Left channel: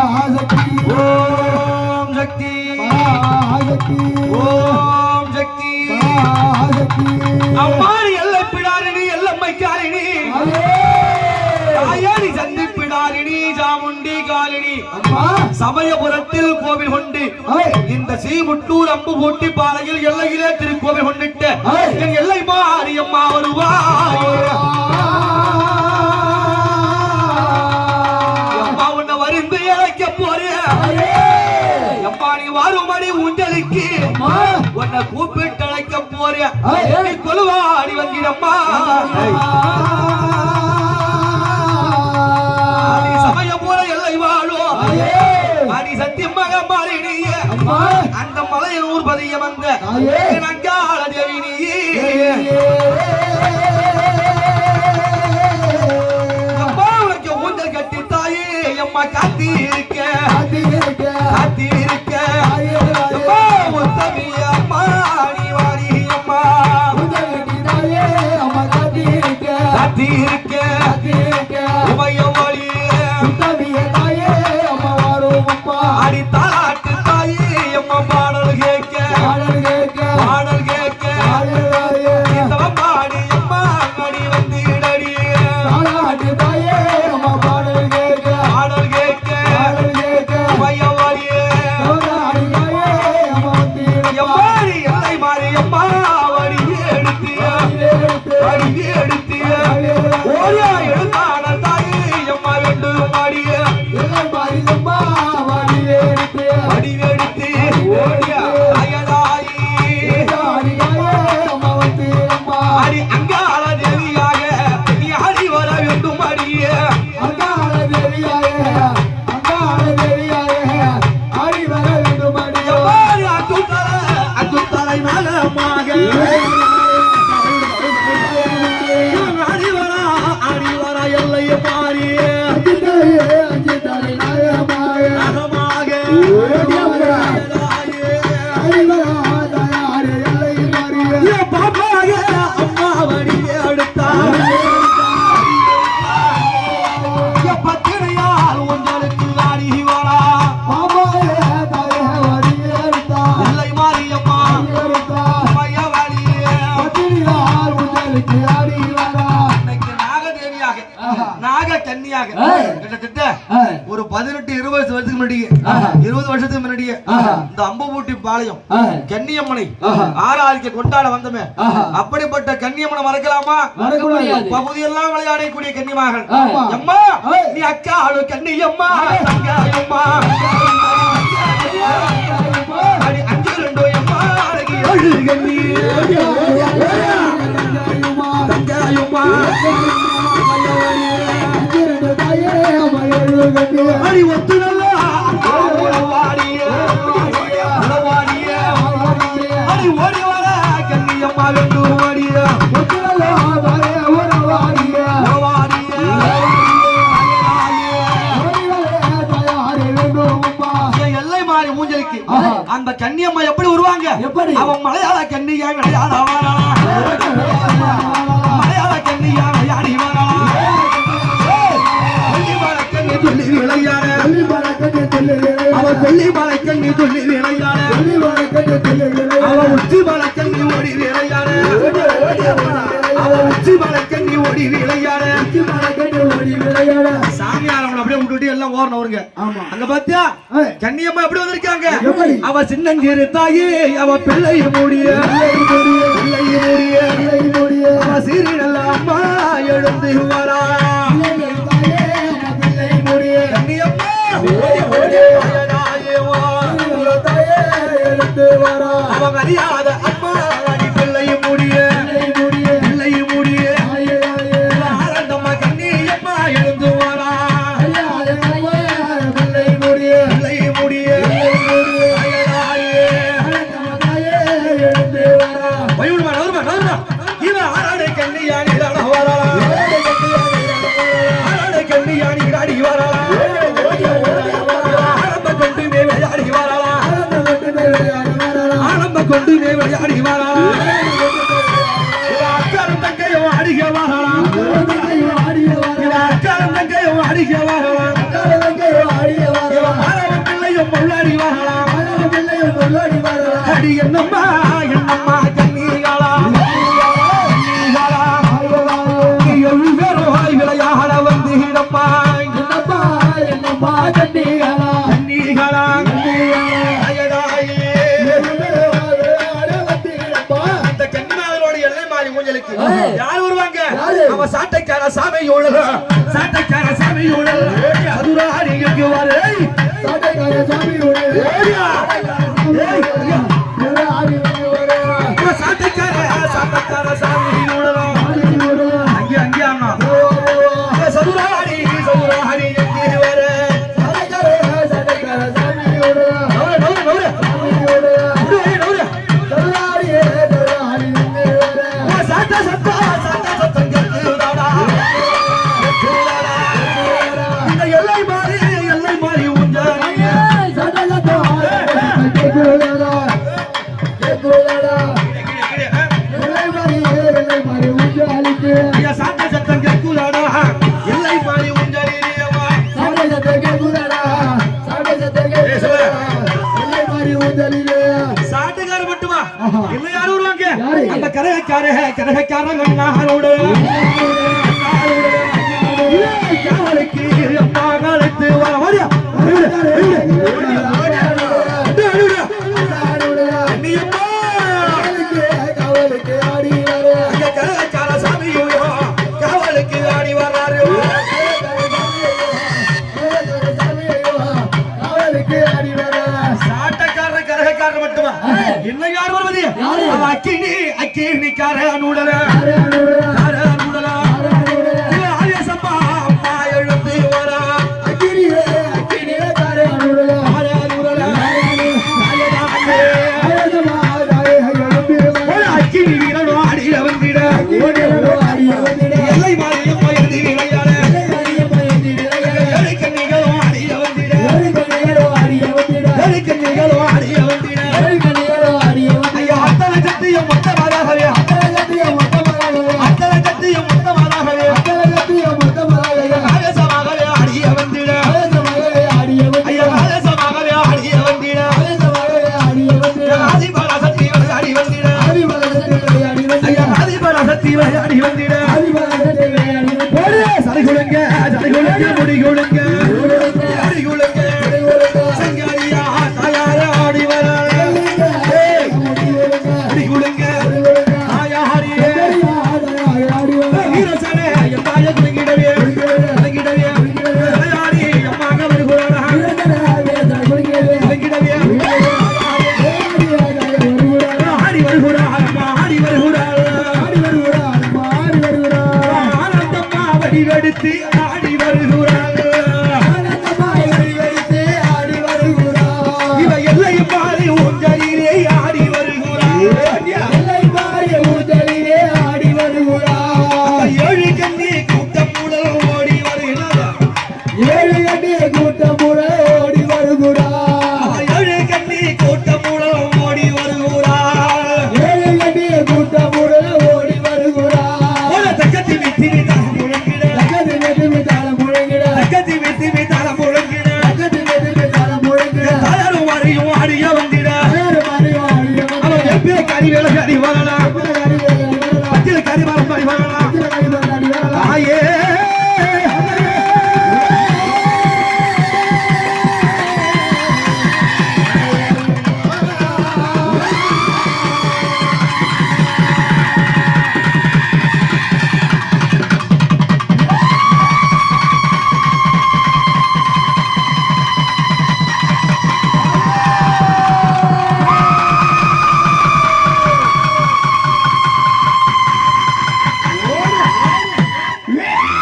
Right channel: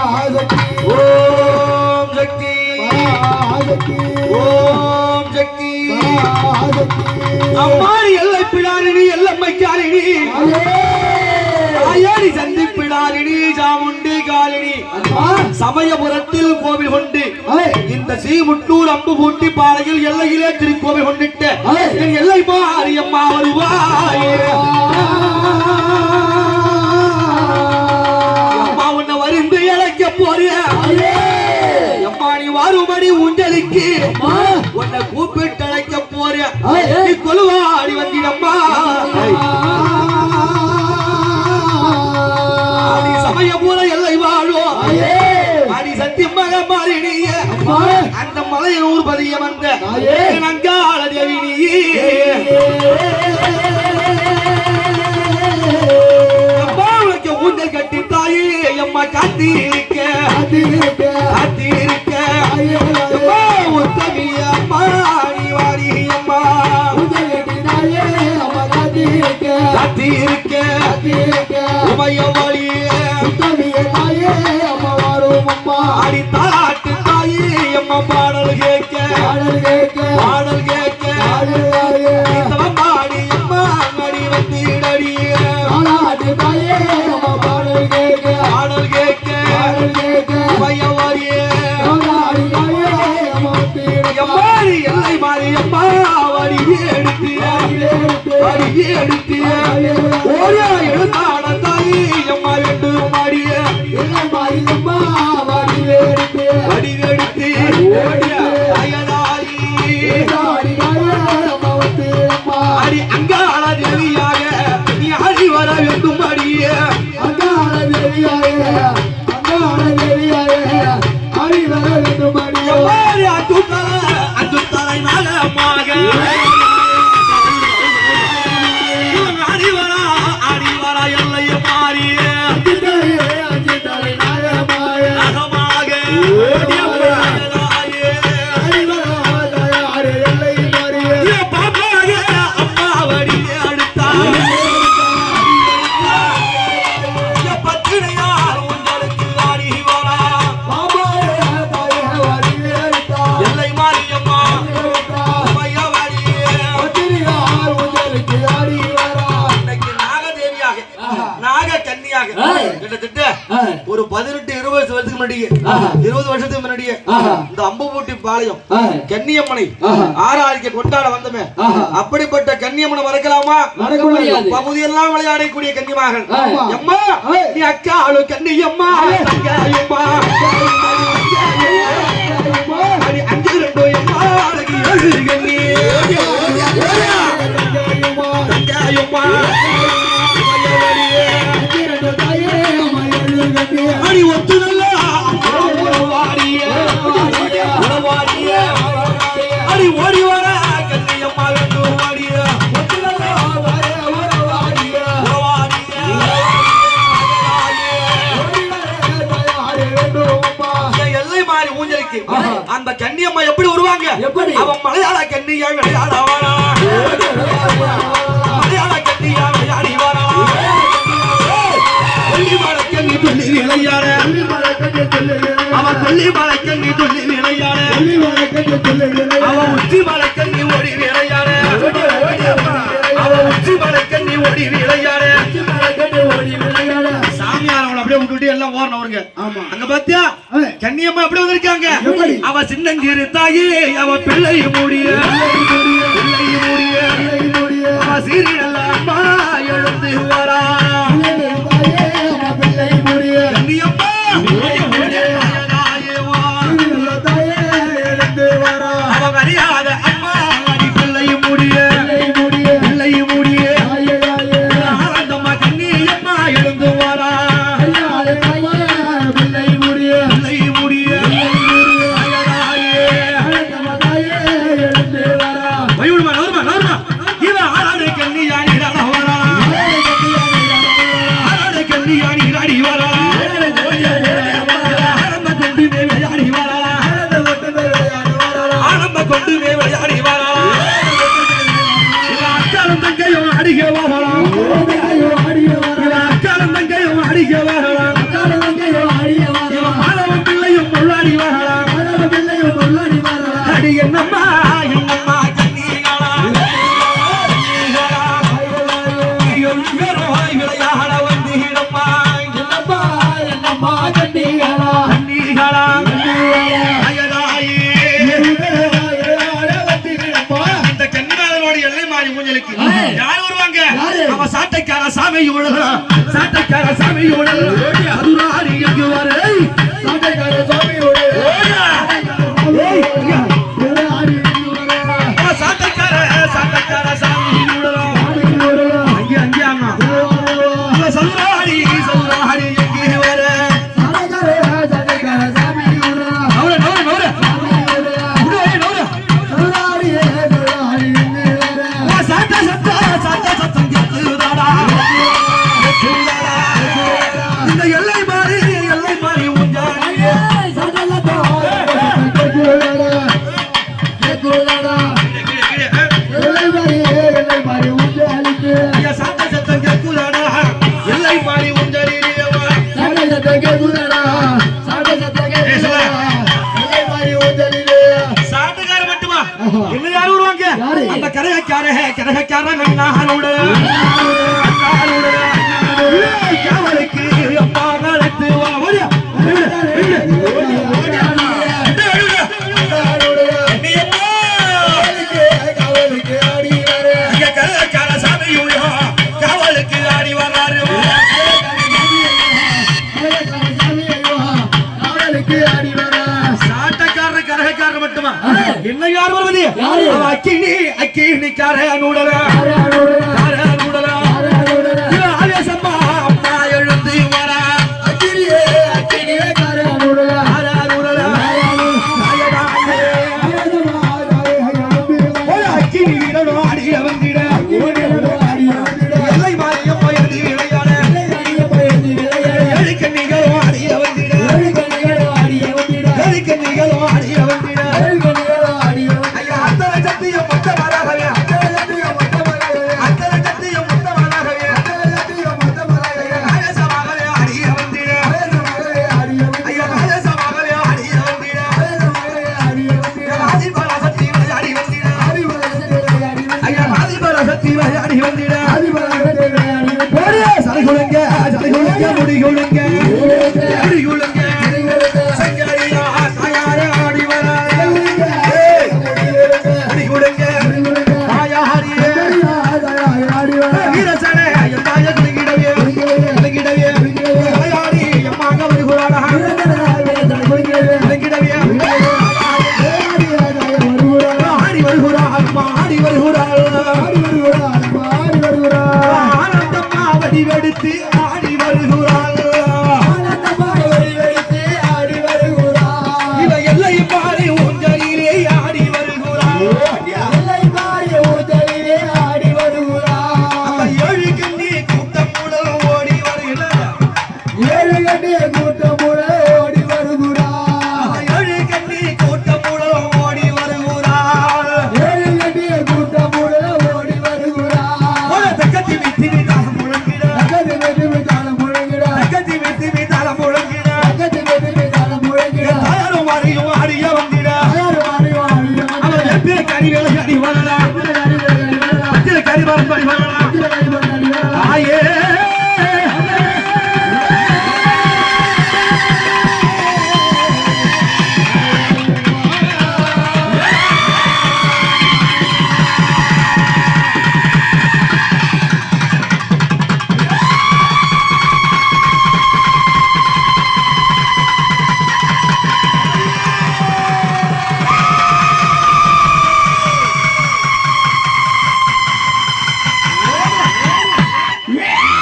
மகாசக்தி ஓம் சக்தி மகாசக்தி ஓம் சக்தி மகாசக்தி அம்மாடி எல்லை பிடாரிணி எல்லம்மைக்காரிணி. அதே தாயாரி சந்தி பிடாரிணி சாமுண்டி காலினி அம்மா சமயபுரத்தில் கோவில் கொண்டு இந்த ஸ்ரீமுட்டூர் அம்பு பூட்டி பாறையில் எல்லையிலே திருக்கோவில் கொண்டிட்ட எல்லை மாரியம்மா வருவாயே. வாருமடி உண்டலிக்கு உன்னை கூப்பிட்டு அழைக்க ஏய். நீ கொலுவாடி வந்திடம்மா. அடி சமயபுர எல்லை வாழும். அடி சத்தியமாக அம்மா. அந்த மலையில் ஊர்பதிய வந்த. காத்தி அடியோ எம்மாடி அத்துத்தலை அத்துத்தலை நலமாக கிட்டத்தட்ட. ஒரு பதினெட்டு இருபது வருஷத்துக்கு முன்னாடியே. இருபது வருஷத்துக்கு முன்னாடியே. இந்த அம்புபூட்டி பாளையம். கன்னியம்மனை. ஆறாரிக்க கொண்டாட வந்தமே. அப்படிப்பட்ட கன்னியம்மனை மறக்கலாமா மறக்க முடியாது. பகுதியெல்லாம் விளையாடக்கூடிய. எம்மா ஏய். நீ அக்கா அழு கன்னியம்மா அடி அஞ்சு ரெண்டு எம்மா அழகி அழு கன்னி எல்லை மாறி ஊஞ்சலுக்கு ஆஹா. அந்த கன்னியம்மா எப்படி வருவாங்க எப்படி? அவன் மலையாள கன்னியா துள்ளி விளையாட அவன் கொல்லிமலை கன்னி துள்ளி விளையாட அவன் உச்சி கன்னி ஓடி விளையாட அவன் உச்சி கன்னி ஓடி விளையாட சாமியார் அவங்களை அப்படியே விட்டுட்டு எல்லாம் ஓடனவருங்க ஆமா. அங்க பாத்தியா? ஏய். கன்னியம்மா எப்படி வந்திருக்காங்க? அவ சின்னஞ்சிறு தாயி அவ பிள்ளை மூடிய. பிள்ளை மூடிய. கன்னியாணி இராடி வரா. ஆரம்ப கொண்டு விளையாடி வரா. ஆரம்ப கொண்டு மே விளையாடி வரா. இவ தங்கையும் அடிக்க வரா. சாமியோட மதுராரி எங்கு வரை சாட்டைக்கார சாமியோட சாட்டைக்கார கரகக்காரன் அண்ணாரோடு அவளுக்கு அம்மா வர என்ன யார் வருவது? அக்கினி அக்கினிக்காரனுடனே ஒழுங்க Hello.